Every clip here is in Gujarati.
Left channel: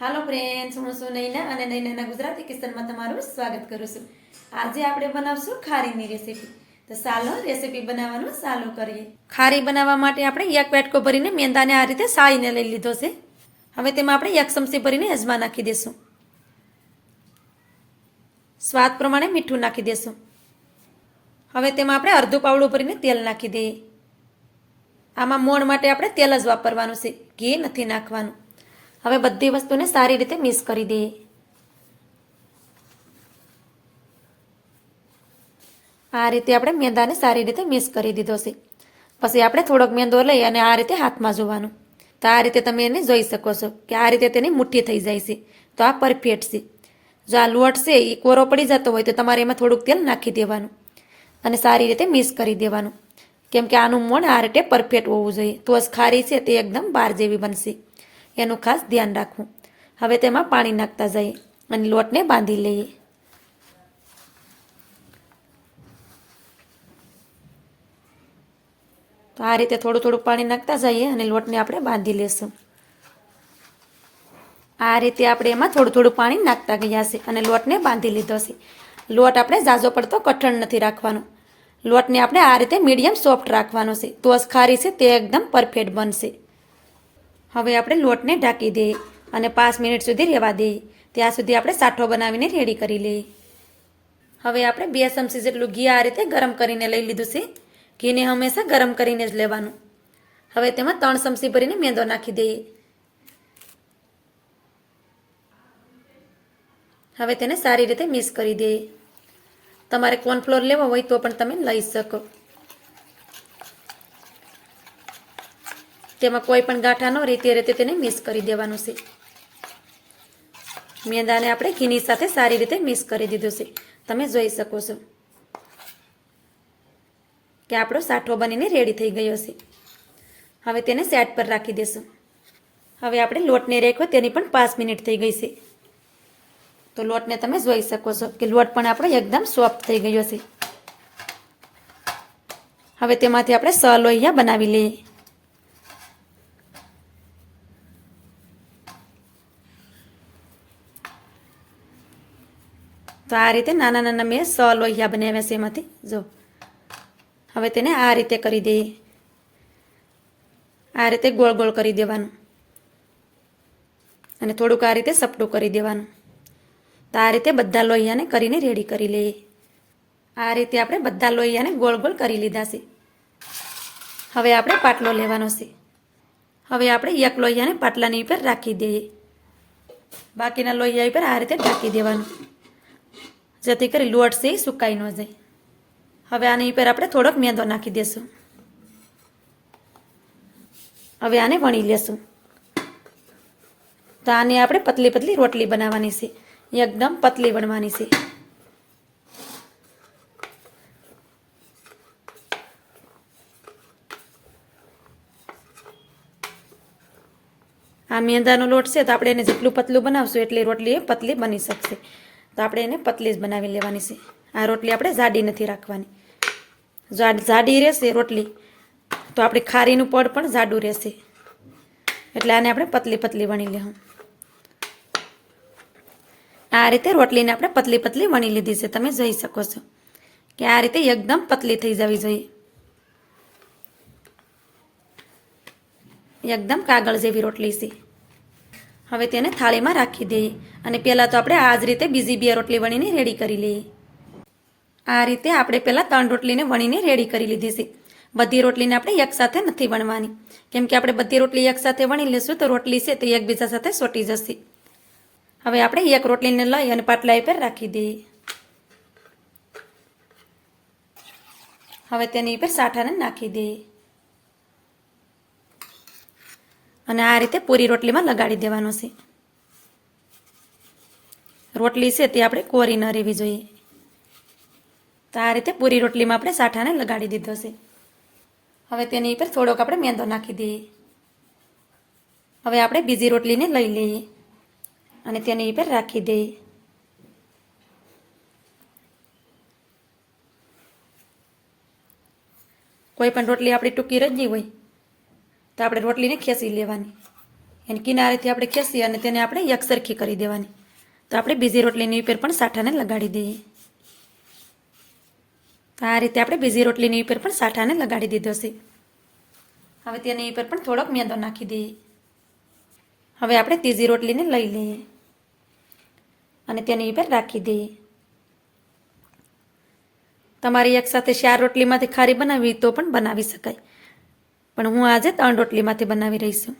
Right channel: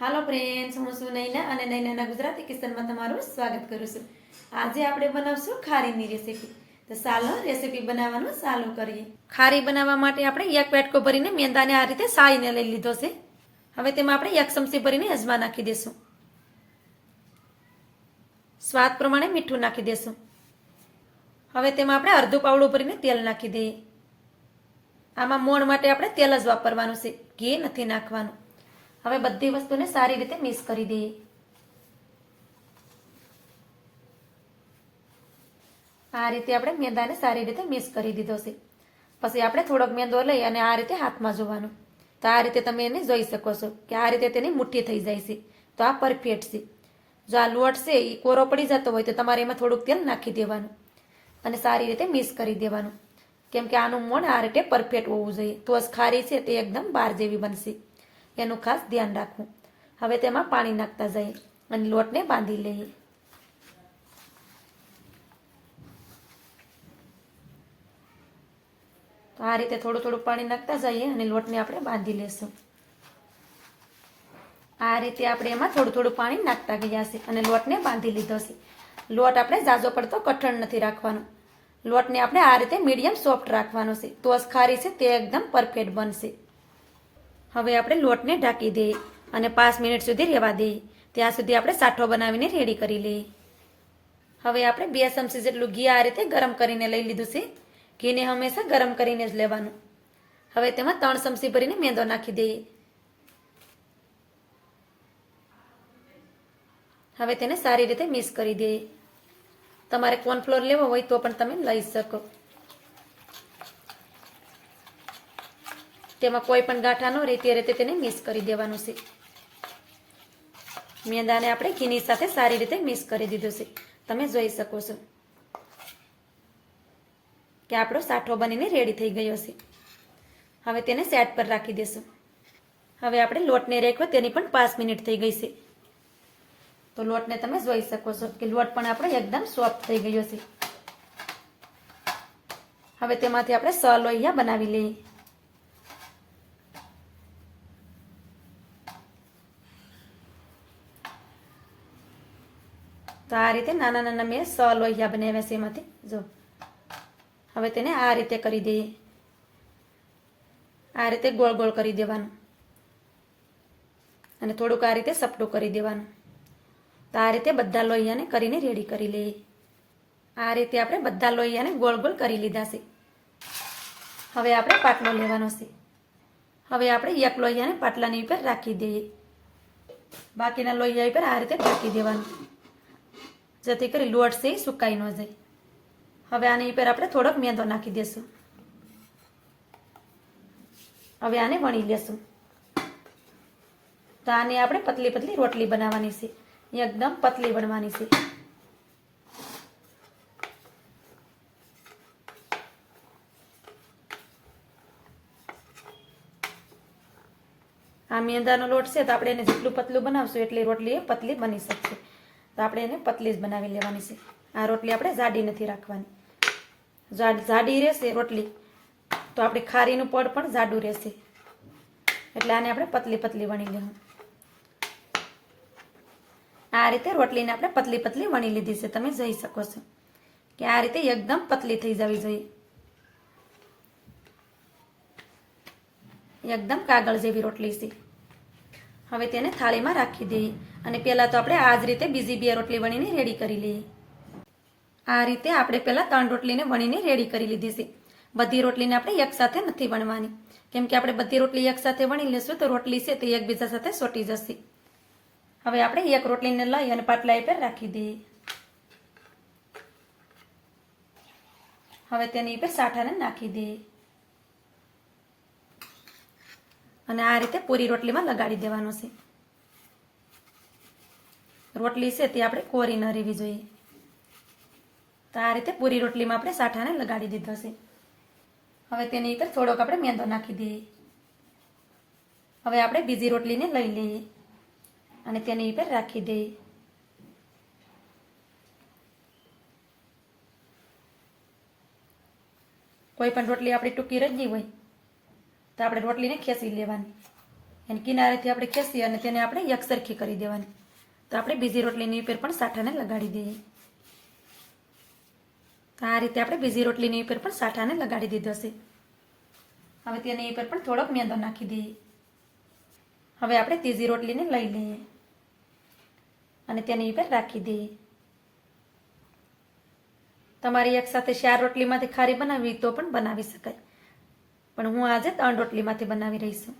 હાલો ફ્રેન્ડ્સ, હું છું નૈના અને નૈનાના ગુજરાતી કિચનમાં તમારું સ્વાગત કરું છું. આજે આપણે બનાવશું ખારીની રેસીપી. તો ચાલો રેસીપી બનાવવાનું ચાલુ કરીએ. ખારી બનાવવા માટે આપણે એક વાટકો ભરીને મેંદાને આ રીતે સાળીને લઈ લીધો છે. હવે તેમાં આપણે 1 ચમચી ભરીને અજમા નાખી દઈશું. સ્વાદ પ્રમાણે મીઠું નાખી દઈશું. હવે તેમાં આપણે અડધું પાવડું ભરીને તેલ નાખી દઈએ. આમાં મોણ માટે આપણે તેલ જ વાપરવાનું છે, ઘી નથી નાખવાનું. હવે બધી વસ્તુને સારી રીતે મિક્સ કરી દઈએ. આ રીતે આપણે મેંદાને સારી રીતે મિક્સ કરી દીધો છે. પછી આપણે થોડોક મેંદો લઈ અને આ રીતે હાથમાં જોવાનું. તો આ રીતે તમે એને જોઈ શકો છો કે આ રીતે તેની મુઠ્ઠી થઈ જાય છે. તો આ પરફેક્ટ છે. જો આ લોટ છે એ કોરો પડી જતો હોય તો તમારે એમાં થોડુંક તેલ નાખી દેવાનું અને સારી રીતે મિક્સ કરી દેવાનું. કેમ કે આનું મોણ આ રીતે પરફેક્ટ હોવું જોઈએ, તો જ ખારી છે તે એકદમ બાર જેવી બનશે. એનું ખાસ ધ્યાન રાખવું. હવે તેમાં પાણી નાખતા જઈએ અને લોટને બાંધી લઈએ. તો આ રીતે થોડું થોડું પાણી નાખતા જઈએ અને લોટને આપણે બાંધી લેશું. આ રીતે આપણે એમાં થોડું થોડું પાણી નાખતા ગયા છે અને લોટને બાંધી લીધો છે. લોટ આપણે ઝાઝો પડતો કઠણ નથી રાખવાનો. લોટને આપણે આ રીતે મીડિયમ સોફ્ટ રાખવાનો છે, તો જ ખારી છે તે એકદમ પરફેક્ટ બનશે. હવે આપણે લોટને ઢાંકી દઈએ અને 5 મિનિટ સુધી રહેવા દઈએ. ત્યાં સુધી આપણે સાઠો બનાવીને રેડી કરી લઈએ. હવે આપણે 2 ચમચી જેટલું ઘી આ રીતે ગરમ કરીને લઈ લીધું છે. ઘીને હંમેશા ગરમ કરીને જ લેવાનું. હવે તેમાં 3 ચમચી ભરીને મેંદો નાખી દઈએ. હવે તેને સારી રીતે મિક્સ કરી દઈએ. તમારે કોર્નફ્લોર લેવો હોય તો પણ તમે લઈ શકો. તેમાં કોઈ પણ ગાંઠા ન રહે તે રીતે તેને મિક્સ કરી દેવાનું છે. મેંદાને આપણે ઘીની સાથે સારી રીતે મિક્સ કરી દીધું છે. તમે જોઈ શકો છો કે આપણો સાઠો બનીને રેડી થઈ ગયો છે. હવે તેને સાઈડ પર રાખી દેશું. હવે આપણે લોટને રાખ્યો તેની પણ 5 મિનિટ થઈ ગઈ છે. તો લોટને તમે જોઈ શકો છો કે લોટ પણ આપણો એકદમ સોફ્ટ થઈ ગયો છે. હવે તેમાંથી આપણે 6 લોહિયા બનાવી લઈએ. તો આ રીતે નાના નાના મેં 6 લોહિયા બનાવ્યા છે એમાંથી. જો હવે તેને આ રીતે કરી દઈએ. આ રીતે ગોળ ગોળ કરી દેવાનું અને થોડુંક આ રીતે સપટું કરી દેવાનું. તો આ રીતે બધા લોહિયાને કરીને રેડી કરી લઈએ. આ રીતે આપણે બધા લોહિયાને ગોળ ગોળ કરી લીધા છે. હવે આપણે પાટલો લેવાનો છે. હવે આપણે એક લોહિયાને પાટલાની ઉપર રાખી દઈએ. બાકીના લોહિયા ઉપર આ રીતે ઢાંકી દેવાનું, જેથી કરી લોટ છે એ સુકાઈ ન જાય. હવે આની ઉપર આપણે થોડોક મેંદો નાખી દઈશું. હવે આને વણી લેશું. તો આને આપણે પતલી પતલી રોટલી બનાવવાની છે, એકદમ પતલી વણવાની છે. આ મેંદાનો લોટ છે તો આપણે એને જેટલું પતલું બનાવશું એટલી રોટલી એ પતલી બની શકશે. તો આપણે એને પતલી જ બનાવી લેવાની છે. આ રોટલી આપણે જાડી નથી રાખવાની. જાડી રહેશે રોટલી તો આપણી ખારીનું પડ પણ જાડું રહેશે. એટલે આને આપણે પતલી પતલી વણી લેવું. આ રીતે રોટલીને આપણે પતલી પતલી વણી લીધી છે. તમે જોઈ શકો છો કે આ રીતે એકદમ પતલી થઈ જવી જોઈએ, એકદમ કાગળ જેવી રોટલી છે. હવે તેને થાળીમાં રાખી દઈએ અને પહેલાં તો આપણે આ જ રીતે બીજી 2 રોટલી વણીને રેડી કરી લઈએ. આ રીતે આપણે પહેલાં 3 રોટલીને વણીને રેડી કરી લીધી છે. બધી રોટલીને આપણે એકસાથે નથી વણવાની, કેમ કે આપણે બધી રોટલી એકસાથે વણી લઈશું તો રોટલી છે તે એકબીજા સાથે ચોંટી જશે. હવે આપણે એક રોટલીને લઈ અને પાટલા ઉપર રાખી દઈએ. હવે તેની ઉપર સાઠાને નાખી દઈએ અને આ રીતે પૂરી રોટલીમાં લગાડી દેવાનો છે. રોટલી છે તે આપણે કોરી ન રહેવી જોઈએ. તો આ રીતે પૂરી રોટલીમાં આપણે સાઠાને લગાડી દીધો છે. હવે તેની ઉપર થોડોક આપણે મેંદો નાખી દઈએ. હવે આપણે બીજી રોટલીને લઈ લઈએ અને તેની ઉપર રાખી દઈએ. કોઈ પણ રોટલી આપણી ટૂંકી રજી હોય તો આપણે રોટલીને ખેંચી લેવાની, એની કિનારેથી આપણે ખેંચી અને તેને આપણે એકસરખી કરી દેવાની. તો આપણે બીજી રોટલીની ઉપર પણ સાઠાને લગાડી દઈએ. તો આ રીતે આપણે બીજી રોટલીની ઉપર પણ સાઠાને લગાડી દીધો છે. હવે તેની ઉપર પણ થોડોક મેંદો નાખી દઈએ. હવે આપણે ત્રીજી રોટલીને લઈ લઈએ અને તેની ઉપર રાખી દઈએ. તમારી એકસાથે 4 રોટલીમાંથી ખારી બનાવવી તો પણ બનાવી શકાય, પણ હું આજે 3 રોટલીમાંથી બનાવી રહી છું.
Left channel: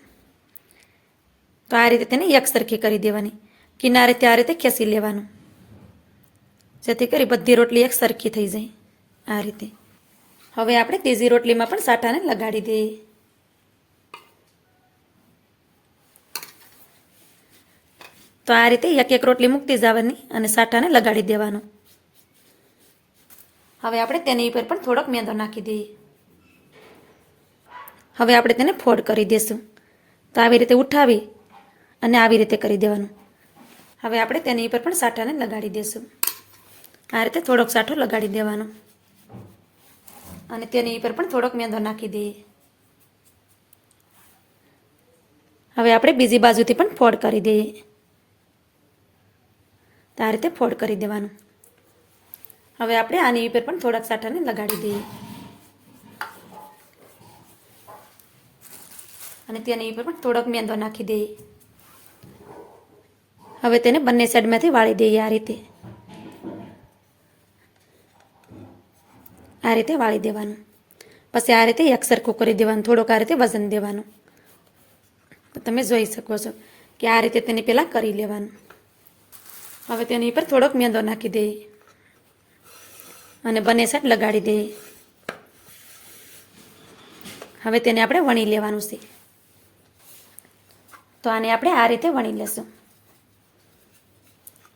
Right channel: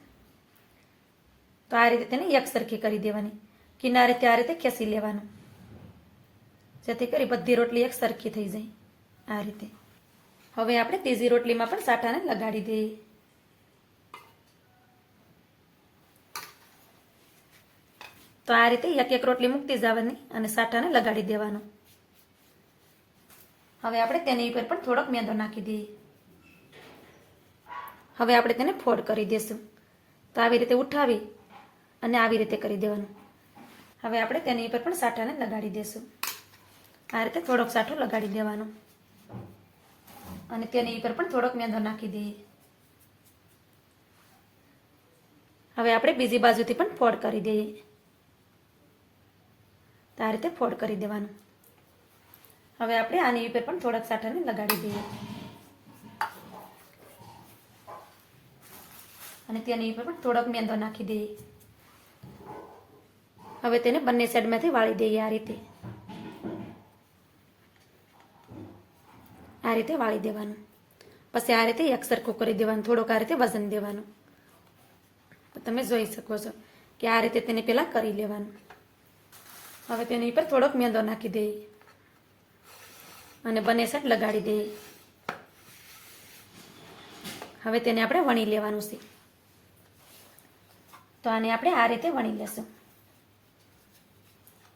તો આ રીતે તેને એકસરખી કરી દેવાની. કિનારેથી આ રીતે ખેંચી લેવાનું, જેથી કરી બધી રોટલી એક સરખી થઈ જાય. આ રીતે હવે આપણે ત્રીજી રોટલીમાં પણ સાઠાને લગાડી દઈએ. તો આ રીતે એક એક રોટલી મૂકતી જવાની અને સાઠાને લગાડી દેવાનું. હવે આપણે તેની ઉપર પણ થોડોક મેંદો નાખી દઈએ. હવે આપણે તેને ફોલ્ડ કરી દઈશું. તો આવી રીતે ઉઠાવી અને આવી રીતે કરી દેવાનું. હવે આપણે તેની ઉપર પણ સાઠાને લગાડી દઈશું. આ રીતે થોડોક સાઠો લગાડી દેવાનો અને તેની ઉપર પણ થોડોક મેંદો નાખી દઈએ. હવે આપણે બીજી બાજુથી પણ ફોલ્ડ કરી દઈએ. તો આ રીતે ફોલ્ડ કરી દેવાનું. હવે આપણે આની ઉપર પણ થોડાક સાઠાને લગાડી દઈએ અને તેની ઉપર પણ થોડોક મેંદો નાખી દઈએ. હવે તેને બંને સાઈડમાંથી વાળી દઈએ. આ રીતે વાળી દેવાનું. પછી આ રીતે એકસરખું કરી દેવાનું. થોડોક આ રીતે વજન દેવાનું. તો તમે જોઈ શકો છો કે આ રીતે તેને પહેલાં કરી લેવાનું. હવે તેની ઉપર થોડોક મેંદો નાખી દઈએ અને બંને સાઈડ લગાડી દઈએ. હવે તેને આપણે વણી લેવાનું છે. તો આને આપણે આ રીતે વણી લેશું.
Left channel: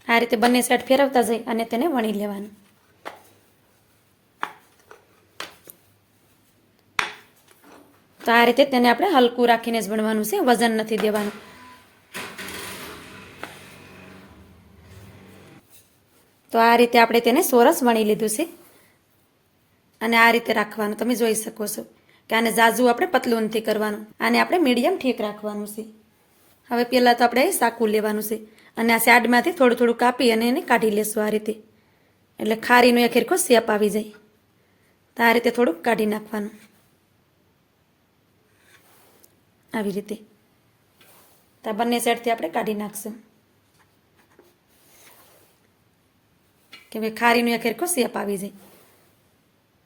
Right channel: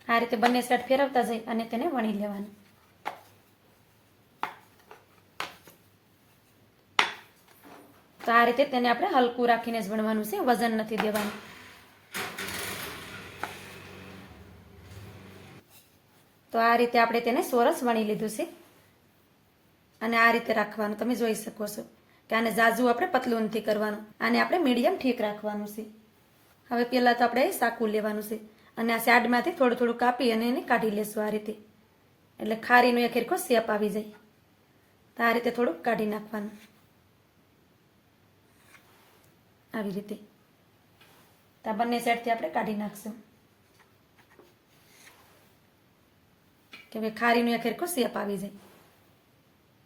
આ રીતે બંને સાઈડ ફેરવતા જઈ અને તેને વણી લેવાનું. તો આ રીતે તેને આપણે હલકું રાખીને જ વણવાનું છે, વજન નથી દેવાનું. તો આ રીતે આપણે તેને સોરસ વણી લીધું છે અને આ રીતે રાખવાનું. તમે જોઈ શકો છો કે આને ઝાઝું આપણે પતલું નથી કરવાનું. આને આપણે મીડિયમ ઠીક રાખવાનું છે. હવે પહેલાં તો આપણે સાકું લેવાનું છે અને આ સાઈડમાંથી થોડું થોડું કાપી અને એને કાઢી લેશું આ રીતે, એટલે ખારીનો એક હરખો શેપ આવી જાય. તો આ રીતે થોડુંક કાઢી નાખવાનું આવી રીતે. તો બંને સાઈડથી આપણે કાઢી નાખશું કે ભાઈ ખારીનો એક હરખો શેપ આવી જાય.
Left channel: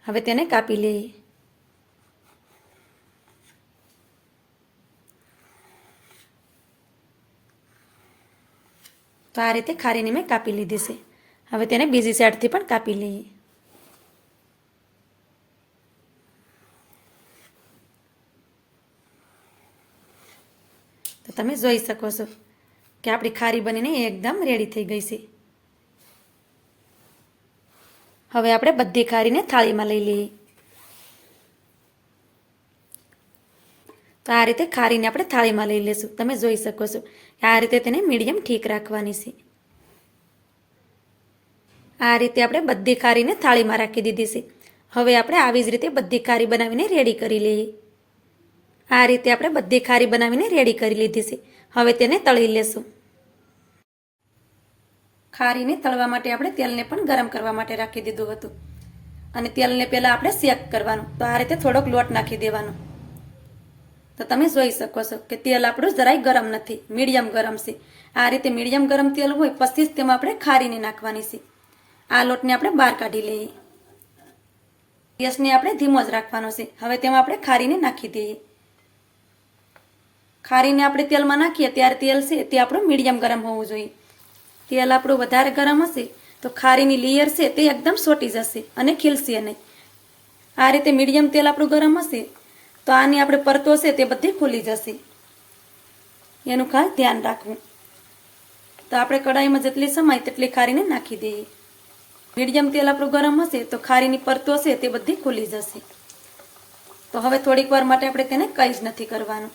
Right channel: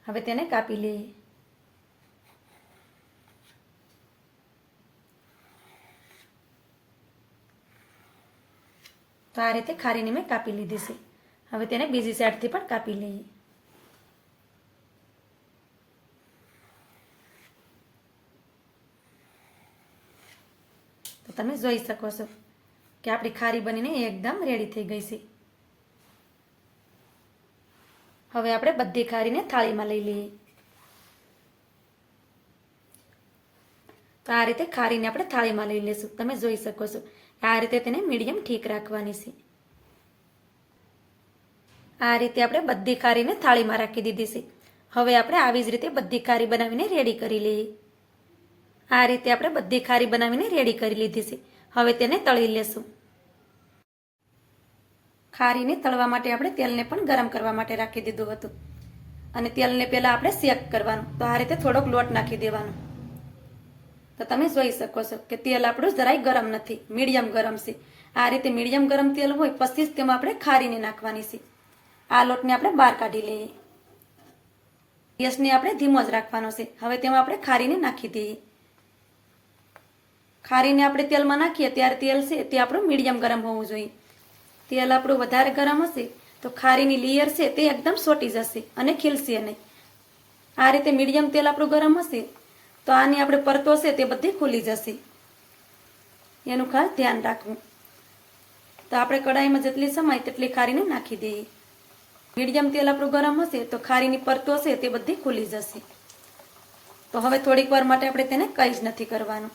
હવે તેને કાપી લઈએ. તો આ રીતે ખારીની મેં કાપી લીધી છે. હવે તેને બીજી સાઈડથી પણ કાપી લઈએ. તો તમે જોઈ શકો છો કે આપણી ખારી બનીને એકદમ રેડી થઈ ગઈ છે. હવે આપણે બધી ખારીને થાળીમાં લઈ લઈએ. તો આ રીતે ખારીને આપણે થાળીમાં લઈ લઈશું. તમે જોઈ શકો છો આ રીતે તેને મીડિયમ ઠીક રાખવાની છે. આ રીતે આપણે બધી ખારીને થાળીમાં રાખી દીધી છે. હવે આપણે આવી જ રીતે બધી ખારી બનાવીને રેડી કરી લઈએ. આ રીતે આપણે બધી ખારી બનાવીને રેડી કરી લીધી છે. હવે તેને તળી લેશું. ખારીને તળવા માટે આપણે તેલને પણ ગરમ કરવા માટે રાખી દીધું હતું અને તેલને પહેલાં આપણે શેક કરવાનું. તો આ રીતે થોડોક લોટ નાખી દેવાનો. તો તમે જોઈ શકો છો કે તેલ આપણું જરાય ગરમ નથી, મીડિયમ ગરમ છે. આ રીતે મીડિયમ ગરમ તેલ હોય પછી જ તેમાં આપણે ખારીને નાખવાની છે. આ લોટને આપણે બહાર કાઢી લઈએ. ગેસને આપણે ધીમો જ રાખવાનો છે. હવે તેમાં આપણે ખારીને નાખી દઈએ. ખારીને આપણે તેલમાં નાખીએ ત્યારે તેલ છે તે આપણું મીડિયમ ગરમ હોવું જોઈએ. તેલ આપણું વધારે ગરમ હશે તો ખારીની લેયર છે તે એકદમ સોટી જશે અને ખીલશે નહીં. આ રીતે મીડિયમ તેલ આપણું ગરમ હશે તો આની આપણે પરતો છે તે બધી ખુલી જશે. એનું ખાસ ધ્યાન રાખવું. તો આપણે કડાઈમાં જેટલી સમાય તેટલી ખારીને નાખી દઈએ. મીડિયમ તેલ આપણું ગરમ હશે તો ખારીની પરતો છે તે બધી ખુલી જશે. તો હવે થોડીક વાર માટે આપણે તેને કંઈ જ નથી કરવાનું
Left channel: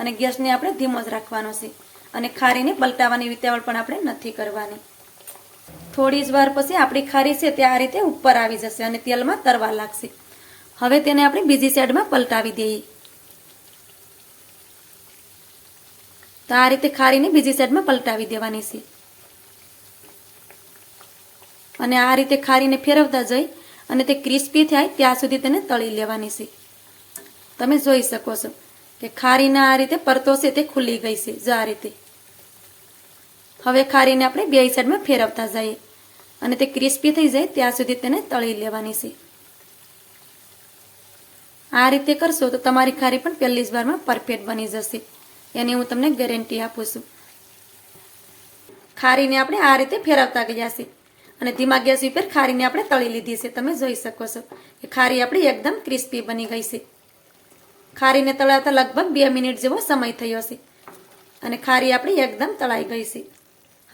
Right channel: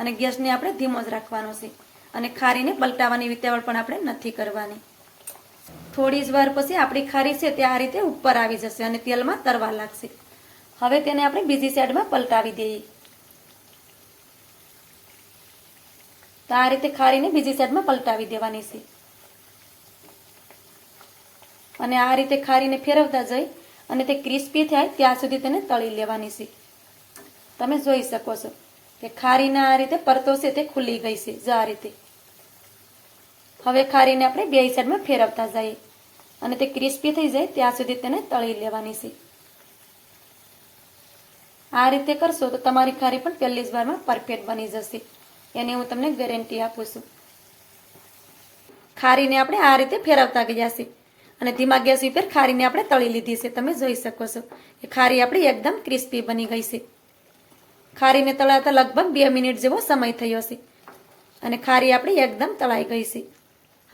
અને ગેસને આપણે ધીમો જ રાખવાનો છે અને ખારીને પલટાવવાની વિતાવળ પણ આપણે નથી કરવાની. થોડી જ વાર પછી આપણી ખારી છે તે આ રીતે ઉપર આવી જશે અને તેલમાં તરવા લાગશે. હવે તેને આપણે બીજી સાઈડમાં પલટાવી દઈએ. તો આ રીતે ખારીને બીજી સાઈડમાં પલટાવી દેવાની છે અને આ રીતે ખારીને ફેરવતા જઈ અને તે ક્રિસ્પી થાય ત્યાં સુધી તેને તળી લેવાની છે. તમે જોઈ શકો છો કે ખારીના આ રીતે પરતો છે તે ખુલી ગઈ છે. જો આ રીતે હવે ખારીને આપણે બે સાઈડમાં ફેરવતા જઈએ અને તે ક્રિસ્પી થઈ જાય ત્યાં સુધી તેને તળી લેવાની છે. આ રીતે કરશો તો તમારી ખારી પણ પહેલી જ વારમાં પરફેક્ટ બની જશે, એની હું તમને ગેરંટી આપું છું. ખારીને આપણે આ રીતે ફેરવતા ગયા છે અને ધીમા ગેસ ઉપર ખારીને આપણે તળી લીધી છે. તમે જોઈ શકો છો કે ખારી આપણી એકદમ ક્રિસ્પી બની ગઈ છે. ખારીને તળાતા લગભગ 2 મિનિટ જેવો સમય થયો છે અને ખારી આપણી એકદમ તળાઈ ગઈ છે.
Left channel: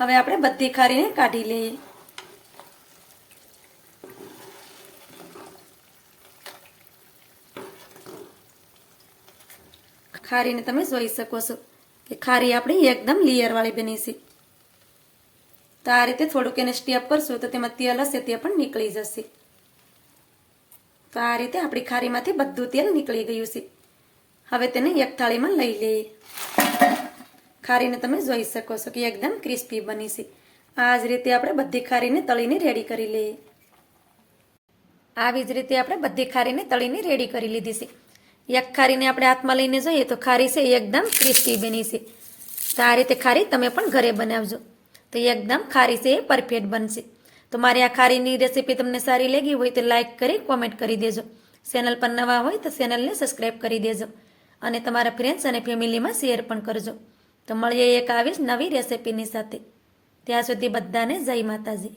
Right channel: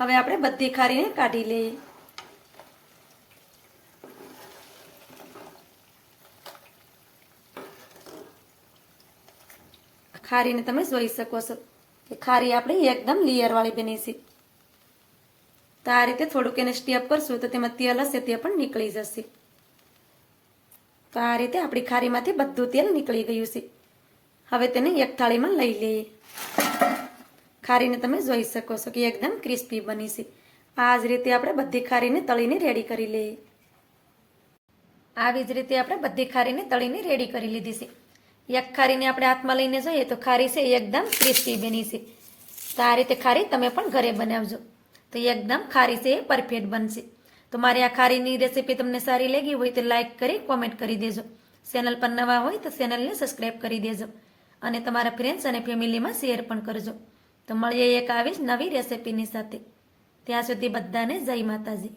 હવે આપણે બધી ખારીને કાઢી લઈએ. ખારીને તમે જોઈ શકો છો કે ખારી આપણી એકદમ લેયરવાળી બની છે. તો આ રીતે થોડુંક એને સ્ટેપ કરશું તો તેમાં તેલ હશે તે પણ નીકળી જશે. તો આ રીતે આપણી ખારીમાંથી બધું તેલ નીકળી ગયું છે. હવે તેને એક થાળીમાં લઈ લઈએ. ખારીને તમે જોઈ શકો છો કે એકદમ ક્રિસ્પી બની છે. આ જ રીતે આપણે બધી ખારીને તળીને રેડી કરી લઈએ. આવી જ રીતે આપણે બધી ખારીને તળીને રેડી કરી લીધી છે. એક ખારીને આપણે હાથમાં લઈને જોઈએ તો ખારી છે એકદમ ક્રિસ્પી બની છે. તો આ રીતે ખારી તમે પણ ઘરે બનાવજો તો એકદમ ખારી છે એ પરફેક્ટ બનશે. તો મારી આ ખારીની રેસીપી તમને સારી લાગી હોય તો લાઈક કરી કોમેન્ટ કરી દેજો. ચેનલ પર નવા હોય તો ચેનલને સબસ્ક્રાઈબ કરી દેજો અને તમારા ફ્રેન્ડ્સ અને ફેમિલીમાં શેર પણ કરજો. તો મળીએ એક આવી જ નવી રેસીપીની સાથે. ત્યાં સુધી બધાને જય માતાજી.